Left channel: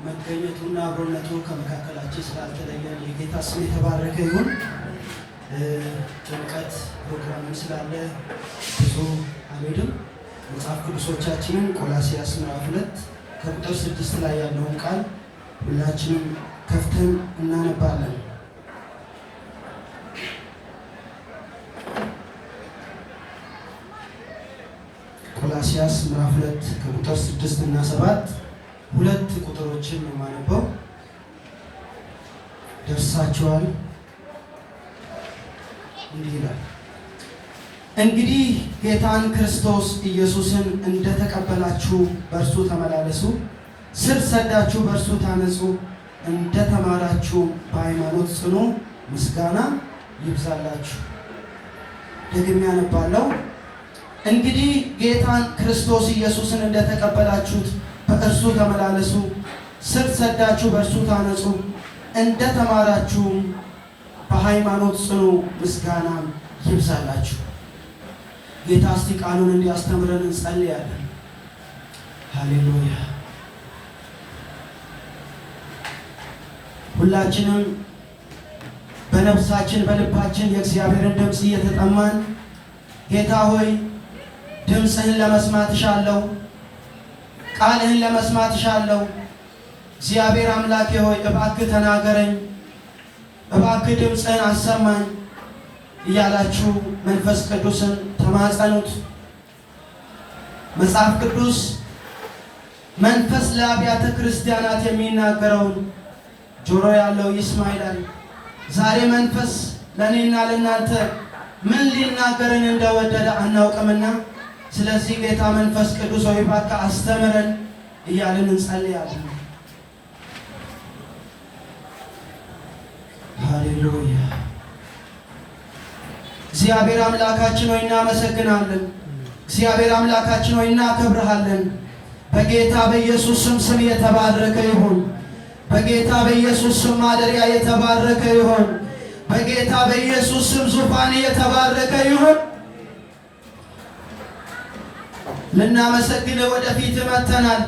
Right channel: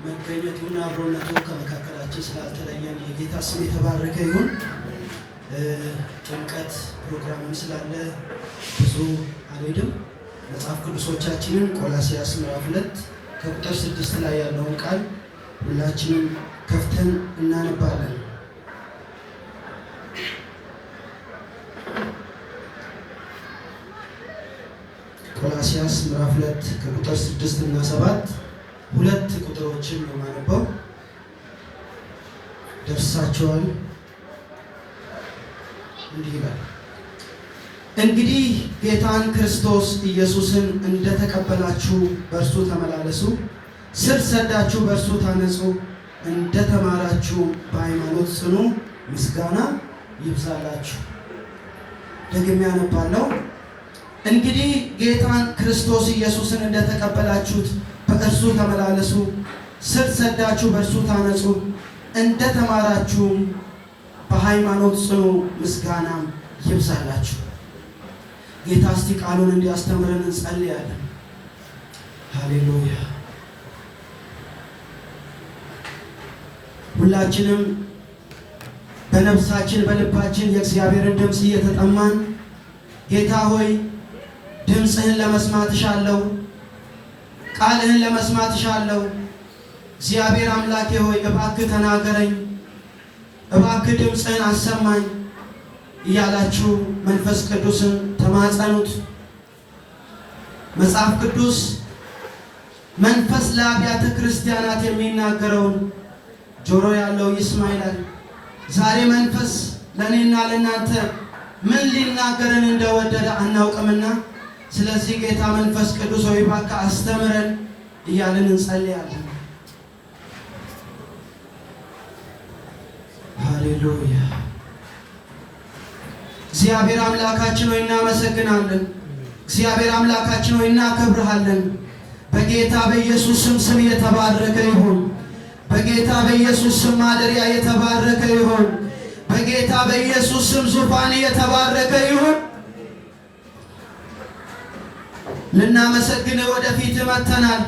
መገኘቱና አብሮነቱ ከመካከላችን ስላልተለየን የጌታ ስም የተባረከ ይሁን። ጥምቀት ፕሮግራምም ስላለ ብዙ አልሄድም። መጽሐፍ ቅዱሶቻችንን ቆላስይስ ምዕራፍ 2 ከቁጥር 6 ላይ ያለውን ቃል ሁላችንም ከፍተን እናነባለን። ቆላስይስ ምዕራፍ 2 ከቁጥር 6 እና 7 ሁለት ቁጥሮችን ነው የማነበው። ደርሳችኋል? እንዲህ ይላል፣ እንግዲህ ጌታን ክርስቶስ ኢየሱስን እንደተቀበላችሁ በእርሱ ተመላለሱ፣ ስር ሰዳችሁ በእርሱ ታነጹ፣ እንደተማራችሁ በሃይማኖት ጽኑ፣ ምስጋና ይብዛላችሁ። ደግሜ አነባለሁ። እንግዲህ ጌታን ክርስቶስ ኢየሱስን እንደተቀበላችሁት በእርሱ ተመላለሱ፣ ስር ሰዳችሁ በእርሱ ታነጹ፣ እንደተማራችሁም በሃይማኖት ጽኑ፣ ምስጋናም ይብዛላችሁ። ጌታ እስቲ ቃሉን እንዲያስተምረን እንጸልያለን። ሃሌሉያ። ሁላችንም በነፍሳችን በልባችን የእግዚአብሔርን ድምፅ እየተጠማን ጌታ ሆይ ድምፅህን ለመስማት እሻለሁ፣ ቃልህን ለመስማት እሻለሁ። እግዚአብሔር አምላኬ ሆይ እባክህ ተናገረኝ፣ እባክህ ድምፅህን አሰማኝ እያላችሁ መንፈስ ቅዱስን ተማጸኑት። መጽሐፍ ቅዱስ መንፈስ ለአብያተ ክርስቲያናት የሚናገረውን ጆሮ ያለው ይስማ ይላል። ዛሬ መንፈስ ለእኔና ለእናንተ ምን ሊናገረን እንደወደደ አናውቅምና፣ ስለዚህ ጌታ መንፈስ ቅዱስ ሆይ እባክህ አስተምረን እያልን እንጸልያለን። ሃሌሉያ። እግዚአብሔር አምላካችን ሆይ እናመሰግናለን። እግዚአብሔር አምላካችን ሆይ እናከብርሃለን። በጌታ በኢየሱስ ስም የተባረከ ይሁን። በጌታ በኢየሱስ ስም ማደሪያ የተባረከ ይሁን። በጌታ በኢየሱስ ስም ዙፋን የተባረከ ይሁን። ልናመሰግን ወደፊት መጥተናል።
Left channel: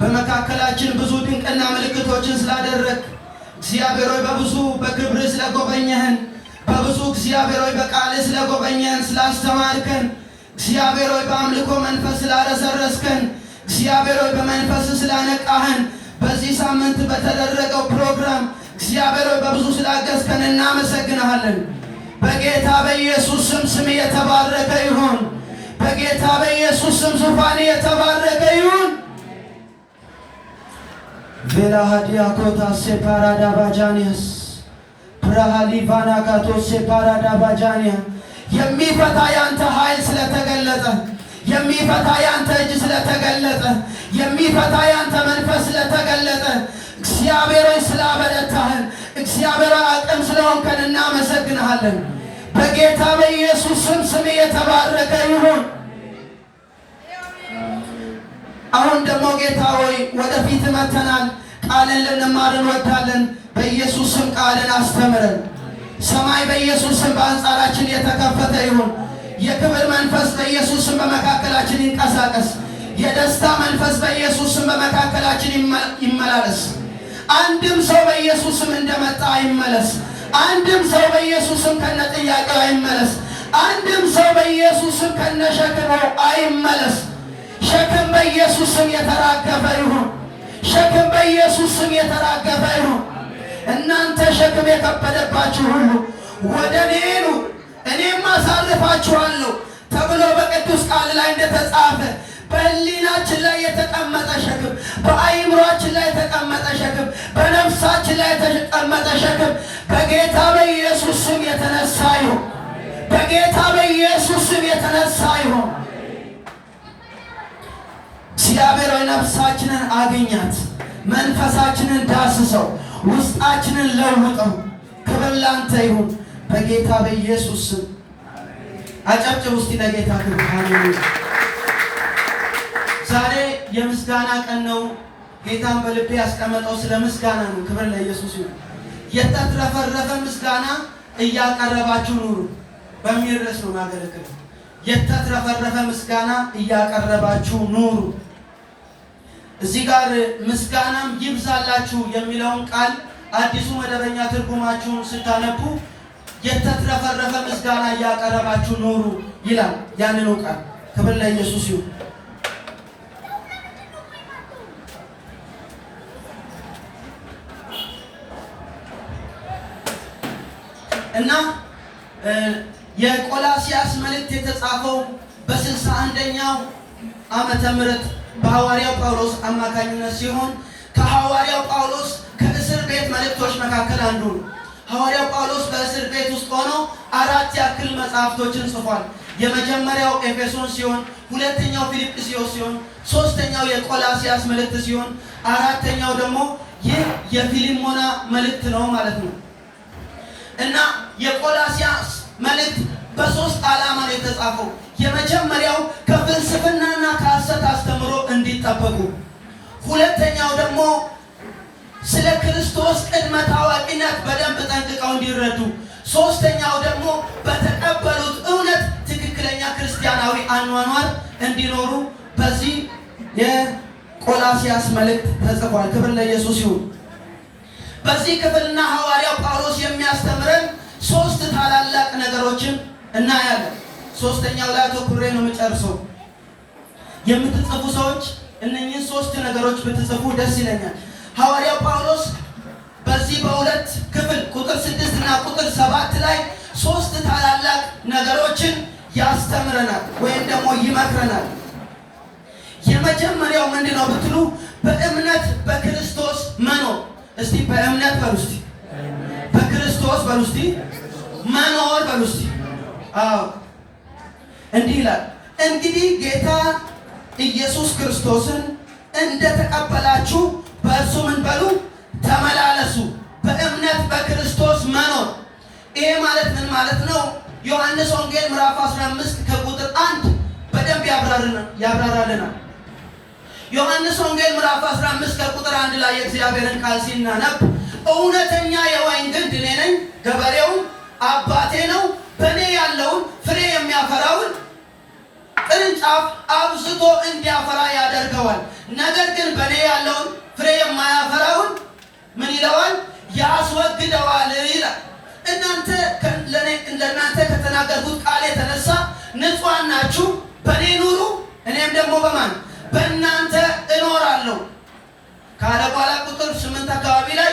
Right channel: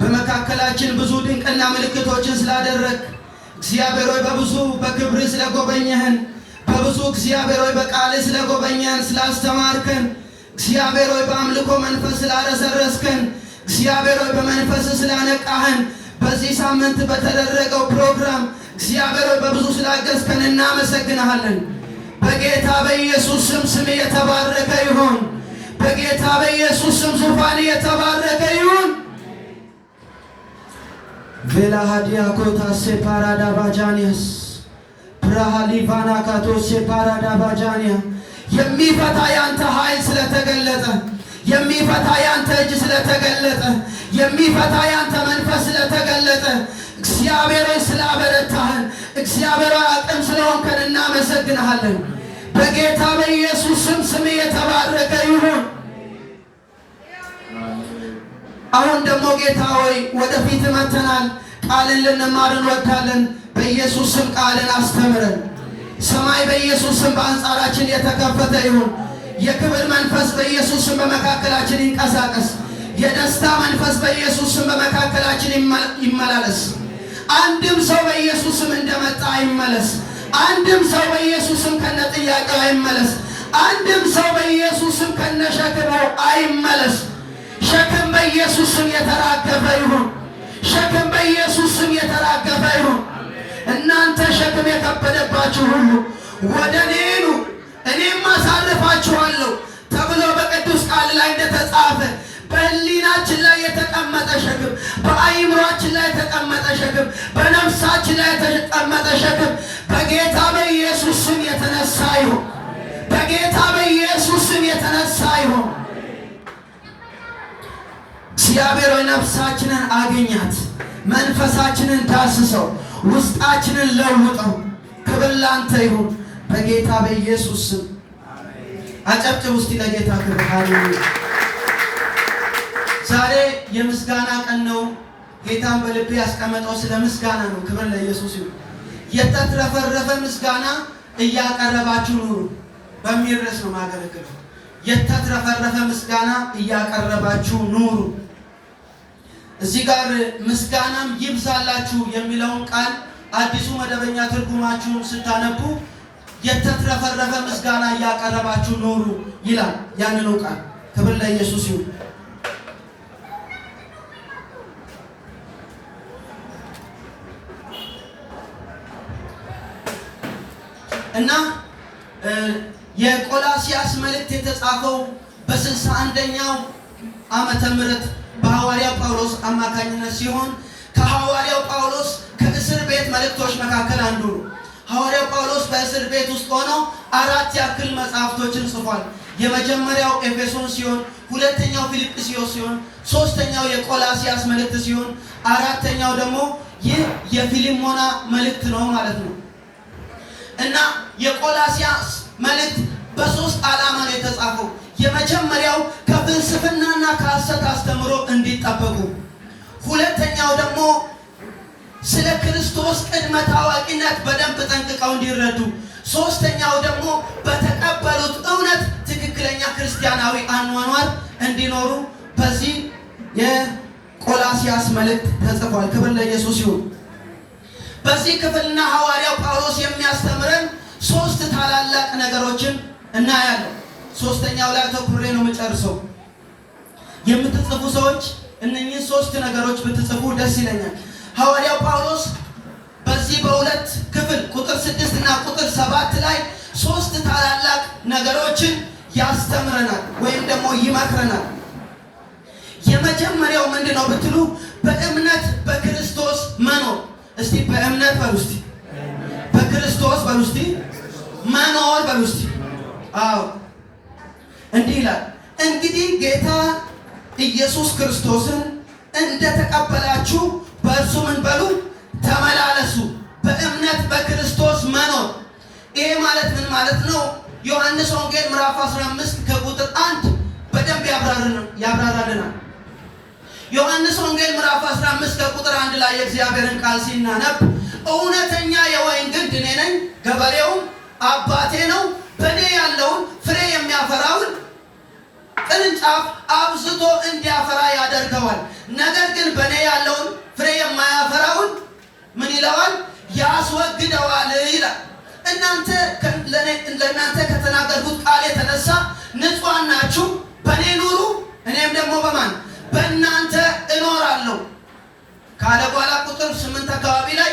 በመካከላችን ብዙ ድንቅና ምልክቶችን ስላደረግ እግዚአብሔር ሆይ በብዙ በክብር ስለጎበኘህን፣ በብዙ እግዚአብሔር ሆይ በቃል ስለጎበኘህን፣ ስላስተማርከን፣ እግዚአብሔር ሆይ በአምልኮ መንፈስ ስላረሰረስከን፣ እግዚአብሔር ሆይ በመንፈስ ስላነቃህን፣ በዚህ ሳምንት በተደረገው ፕሮግራም እግዚአብሔር ሆይ በብዙ ስላገዝከን እናመሰግንሃለን። በጌታ በኢየሱስ ስም የተባረከ ይሁን። በጌታ በኢየሱስ ስም ዙፋን የተባረከ ይሁን። ቬላ ሀዲያ ኮታ ሴፓራዳ ባጃኒያስ ብራሃሊቫና ካቶ ሴፓራዳ ባጃኒያ የሚፈታ ያንተ ኃይል ስለተገለጠ፣ የሚፈታ ያንተ እጅ ስለተገለጠ፣ የሚፈታ ያንተ መንፈስ ስለተገለጠ፣ እግዚአብሔር ሆይ ስላበረታህን፣ እግዚአብሔር አቅም ስለሆንከን እናመሰግንሃለን። በጌታ በኢየሱስ ስም የተባረከ ይሁን። አሁን ደግሞ ጌታ ሆይ ወደፊት መተናል። ቃልን ልንማር እንወዳለን። በኢየሱስ ስም ቃልን አስተምረን። ሰማይ በኢየሱስ ስም በአንጻራችን የተከፈተ ይሁን። የክብር መንፈስ በኢየሱስ ስም በመካከላችን ይንቀሳቀስ። የደስታ መንፈስ በኢየሱስ ስም በመካከላችን ይመላለስ። አንድም ሰው በኢየሱስ ስም እንደመጣ አይመለስ። አንድም ሰው በኢየሱስ ስም ከነ ጥያቄው አይመለስ። አንድም ሰው በኢየሱስ ስም ከነ ሸክሙ አይመለስ። ሸክም በኢየሱስ ስም የተራገፈ ይሁን። ሸክም በኢየሱስ ስም የተራገፈ ይሁን። እናንተ ሸክም የከበደባችሁ ሁሉ ወደ እኔ ኑ እኔም አሳርፋችኋለሁ ተብሎ በቅዱስ ቃል ላይ እንደተጻፈ በሕሊናችን ላይ የተቀመጠ ሸክም፣ በአይምሯችን ላይ የተቀመጠ ሸክም፣ በነፍሳችን ላይ የተቀመጠ ሸክም በጌታ በኢየሱስ ስም የተነሳ ይሁን። በጌታ በኢየሱስ ስም የተነሳ ይሁን። እግዚአብሔር ነፍሳችንን አገኛት፣ መንፈሳችንን ዳስሰው፣ ውስጣችንን ለውጠው። ክብር ላንተ ይሁን በጌታ በኢየሱስ ስም። አጨብጭብ ውስጥ ለጌታ ክብር። ሃሌሉያ። ዛሬ የምስጋና ቀን ነው። ጌታን በልቤ ያስቀመጠው ስለ ምስጋና ነው። ክብር ለኢየሱስ ይሁን። የተትረፈረፈ ምስጋና እያቀረባችሁ ኑሩ በሚል ርዕስ ነው ማገለግለው። የተትረፈረፈ ምስጋና እያቀረባችሁ ኑሩ። እዚህ ጋር ምስጋናም ይብዛላችሁ የሚለውን ቃል አዲሱ መደበኛ ትርጉማችሁን ስታነቡ የተትረፈረፈ ምስጋና እያቀረባችሁ ኖሩ ይላል። ያንኑ ቃል ክብር ለኢየሱስ ይሁን። እና የቆላሲያስ መልእክት የተጻፈው በ61ኛው ዓመተ ምህረት በሐዋርያው ጳውሎስ አማካኝነት ሲሆን ከሐዋርያው ጳውሎስ ከእስር ቤት መልእክቶች መካከል አንዱ ነው። ሐዋርያው ጳውሎስ በእስር ቤት ውስጥ ሆኖ 4 ያክል መጽሐፍቶችን ጽፏል። የመጀመሪያው ኤፌሶን ሲሆን፣ ሁለተኛው ፊልጵስዩስ ሲሆን፣ ሶስተኛው የቆላሲያስ መልእክት ሲሆን፣ አራተኛው ደግሞ ይህ የፊልሞና መልእክት ነው ማለት ነው። እና የቆላሲያስ መልእክት በ3 ዓላማ ነው የተጻፈው። የመጀመሪያው ከፍልስፍናና ከሐሰት አስተምሮ እንዲጠበቁ፣ ሁለተኛው ደግሞ ስለ ክርስቶስ ቅድመ ታዋቂነት በደንብ ጠንቅቀው እንዲረዱ፣ ሶስተኛው ደግሞ በተቀበሉት እውነት ትክክለኛ ክርስቲያናዊ አኗኗር እንዲኖሩ በዚህ የቆላሲያስ መልእክት ተጽፏል። ክብር ለኢየሱስ ይሁን። በዚህ ክፍልና ሐዋርያው ጳውሎስ የሚያስተምረን 3 ታላላቅ ነገሮችን እናያለን። ሶስተኛው ላይ አተኩሬ ነው የምጨርሰው። የምትጽፉ ሰዎች እነኚህን 3 ነገሮች ብትጽፉ ደስ ይለኛል። ሐዋርያው ጳውሎስ በዚህ በሁለት ክፍል ቁጥር 6 እና ቁጥር 7 ላይ 3 ታላላቅ ነገሮችን ያስተምረናል ወይም ደግሞ ይመክረናል። የመጀመሪያው ምንድነው ብትሉ በእምነት በክርስቶስ መኖር። እስቲ በእምነት በሉ እስቲ፣ በክርስቶስ በሉ እስቲ፣ መኖር በሉ እስቲ። አዎ እንዲህ ይላል፣ እንግዲህ ጌታ ኢየሱስ ክርስቶስን እንደተቀበላችሁ በእርሱ ምን በሉ ተመላለሱ። በእምነት በክርስቶስ መኖር። ይሄ ማለት ምን ማለት ነው? ዮሐንስ ወንጌል ምዕራፍ 15 ከቁጥር 1 በደንብ ያብራራልናል። ዮሐንስ ወንጌል ምዕራፍ 15 ከቁጥር 1 ላይ የእግዚአብሔርን ቃል ሲናነብ እውነተኛ የወይን ግንድ እኔ ነኝ፣ ገበሬውን አባቴ ነው። በእኔ ያለውን ፍሬ የሚያፈራውን ቅርንጫፍ አብዝቶ እንዲያፈራ ያደርገዋል። ነገር ግን በእኔ ያለውን ፍሬ የማያፈራውን ምን ይለዋል? ያስወግደዋል ይላል። እናንተ ለእናንተ ከተናገርኩት ቃል የተነሳ ንጹሐን ናችሁ። በእኔ ኑሩ፣ እኔም ደግሞ በማን በእናንተ እኖራለሁ ካለ በኋላ ቁጥር 8 አካባቢ ላይ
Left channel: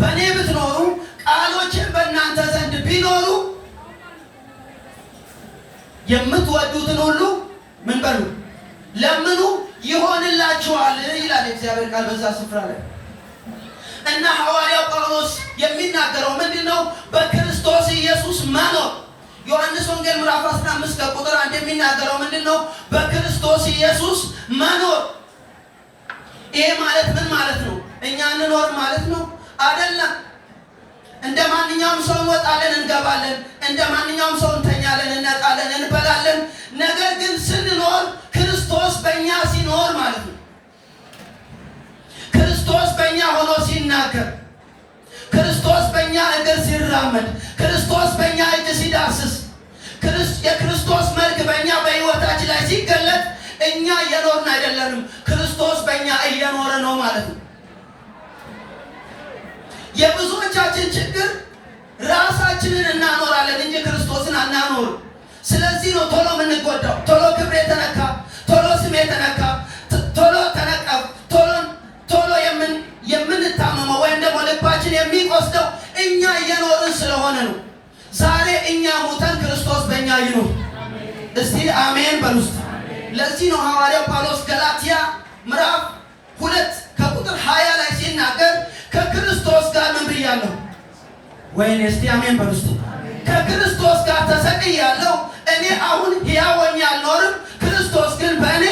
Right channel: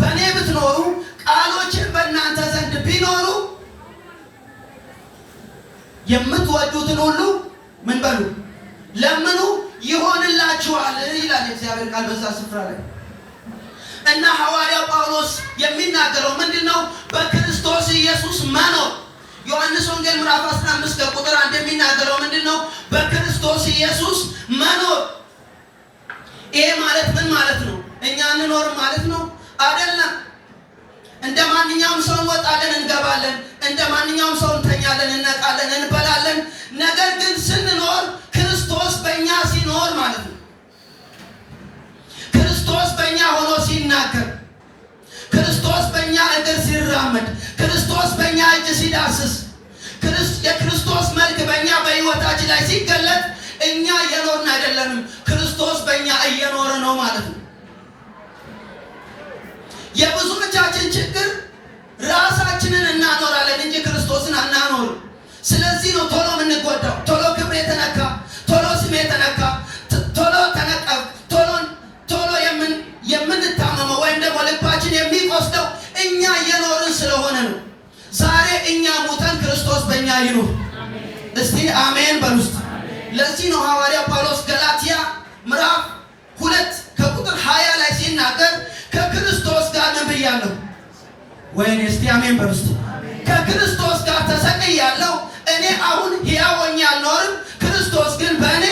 በእኔ ብትኖሩ ቃሎችን በእናንተ ዘንድ ቢኖሩ የምትወዱትን ሁሉ ምን በሉ ለምኑ ይሆንላችኋል ይላል የእግዚአብሔር ቃል በዛ ስፍራ ላይ። እና ሐዋርያው ጳውሎስ የሚናገረው ምንድነው? በክርስቶስ ኢየሱስ መኖር። ዮሐንስ ወንጌል ምዕራፍ 15 ከቁጥር 1 የሚናገረው ምንድነው? በክርስቶስ ኢየሱስ መኖር። ይሄ ማለት ምን ማለት ነው? እኛ እንኖር ማለት ነው አይደለም። እንደ ማንኛውም ሰው እንወጣለን፣ እንገባለን። እንደ ማንኛውም ሰው እንተኛለን፣ እንነቃለን፣ እንበላለን። ነገር ግን ስንኖር ክርስቶስ በእኛ ሲኖር ማለት ነው። ክርስቶስ በእኛ ሆኖ ሲናገር፣ ክርስቶስ በእኛ እግር ሲራመድ፣ ክርስቶስ በእኛ እጅ ሲዳስስ፣ የክርስቶስ መልክ በእኛ በሕይወታችን ላይ ሲገለጥ እኛ እየኖርን አይደለንም፣ ክርስቶስ በእኛ እየኖረ ነው ማለት ነው። የብዙዎቻችን ችግር ራሳችንን እናኖራለን እንጂ ክርስቶስን አናኖር። ስለዚህ ነው ቶሎ የምንጎዳው፣ ቶሎ ክብር የተነካ፣ ቶሎ ስም የተነካ፣ ቶሎ ተነቀፍ፣ ቶሎ የምንታመመው ወይም ደግሞ ልባችን የሚቆስደው እኛ እየኖርን ስለሆነ ነው። ዛሬ እኛ ሙተን ክርስቶስ በእኛ ይኑር። እስቲ አሜን በሉ። ለዚህ ነው ሐዋርያው ጳውሎስ ገላትያ ምዕራፍ 2 ከቁጥር 20 ላይ ሲናገር ከክርስቶስ ጋር ምን ብያለሁ? ወይኔ እስቲ አሜን በሉ። ከክርስቶስ ጋር ተሰቅያለሁ። እኔ አሁን ሕያው ሆኜ አልኖርም፣ ክርስቶስ ግን በእኔ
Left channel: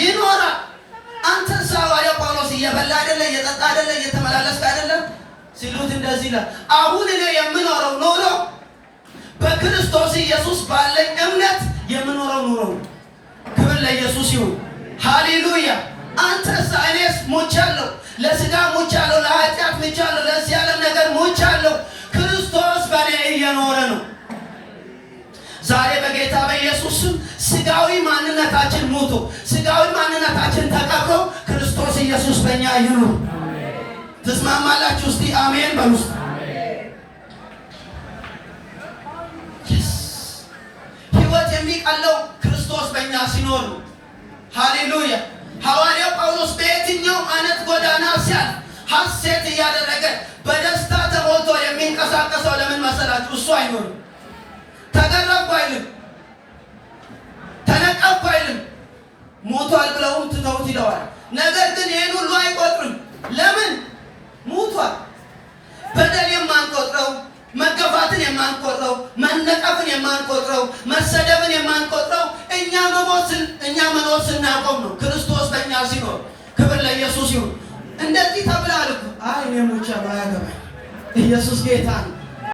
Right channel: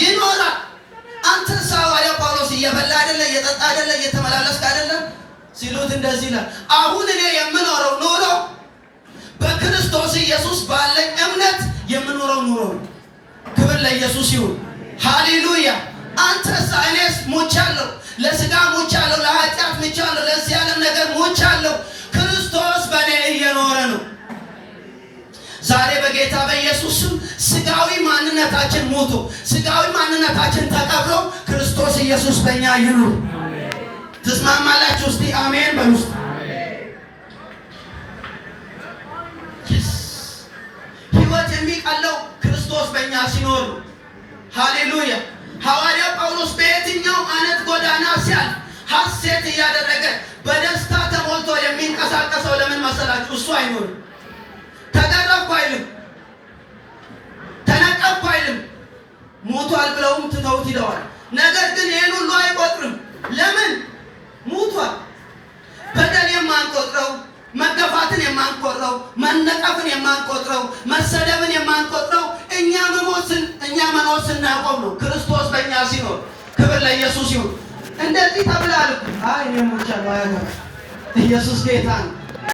ይኖራል። አንተ ሐዋርያው ጳውሎስ እየበላ አይደለ፣ እየጠጣ አይደለ፣ እየተመላለስክ አይደለም ሲሉት እንደዚህ ይላል፣ አሁን እኔ የምኖረው ኑሮ በክርስቶስ ኢየሱስ ባለኝ እምነት የምኖረው ኑሮ። ክብር ለኢየሱስ ይሁን። ሃሌሉያ። አንተስ እኔስ ሞቻለሁ፣ ለሥጋ ሞቻለሁ፣ ለኃጢአት ሞቻለሁ፣ ለዚህ ዓለም ነገር ሞቻለሁ። ክርስቶስ በእኔ እየኖረ ነው። ዛሬ በጌታ በኢየሱስ ስም ስጋዊ ማንነታችን ሞቶ ስጋዊ ማንነታችን ተቀብሮ ክርስቶስ ኢየሱስ በእኛ ይኑር። ትስማማላችሁ? እስቲ አሜን በሉ። ሕይወት የሚቀለው ክርስቶስ በእኛ ሲኖር። ሃሌሉያ። ሐዋርያው ጳውሎስ በየትኛው አይነት ጎዳና ሲያልፍ ሐሴት እያደረገ በደስታ ተሞልቶ የሚንቀሳቀሰው ለምን መሰላችሁ? እሱ አይኖርም። ተገረፍኩ አይልም፣ ተነቀፍኩ አይልም። ሞቷል ብለውም ትተውት ሂደዋል። ነገር ግን ይህን ሁሉ አይቆጥርም። ለምን? ሞቷል። በደል የማንቆጥረው፣ መገፋትን የማንቆጥረው፣ መነቀፍን የማንቆጥረው፣ መሰደብን የማንቆጥረው እኛ መኖር ስናቆም ነው። ክርስቶስ በእኛ ሲኖር። ክብር ለኢየሱስ ይሁን። እንደዚህ ተብሏል እኮ። አይ እኔ ሞቻለሁ፣ አያገባም። ኢየሱስ ጌታ ነው።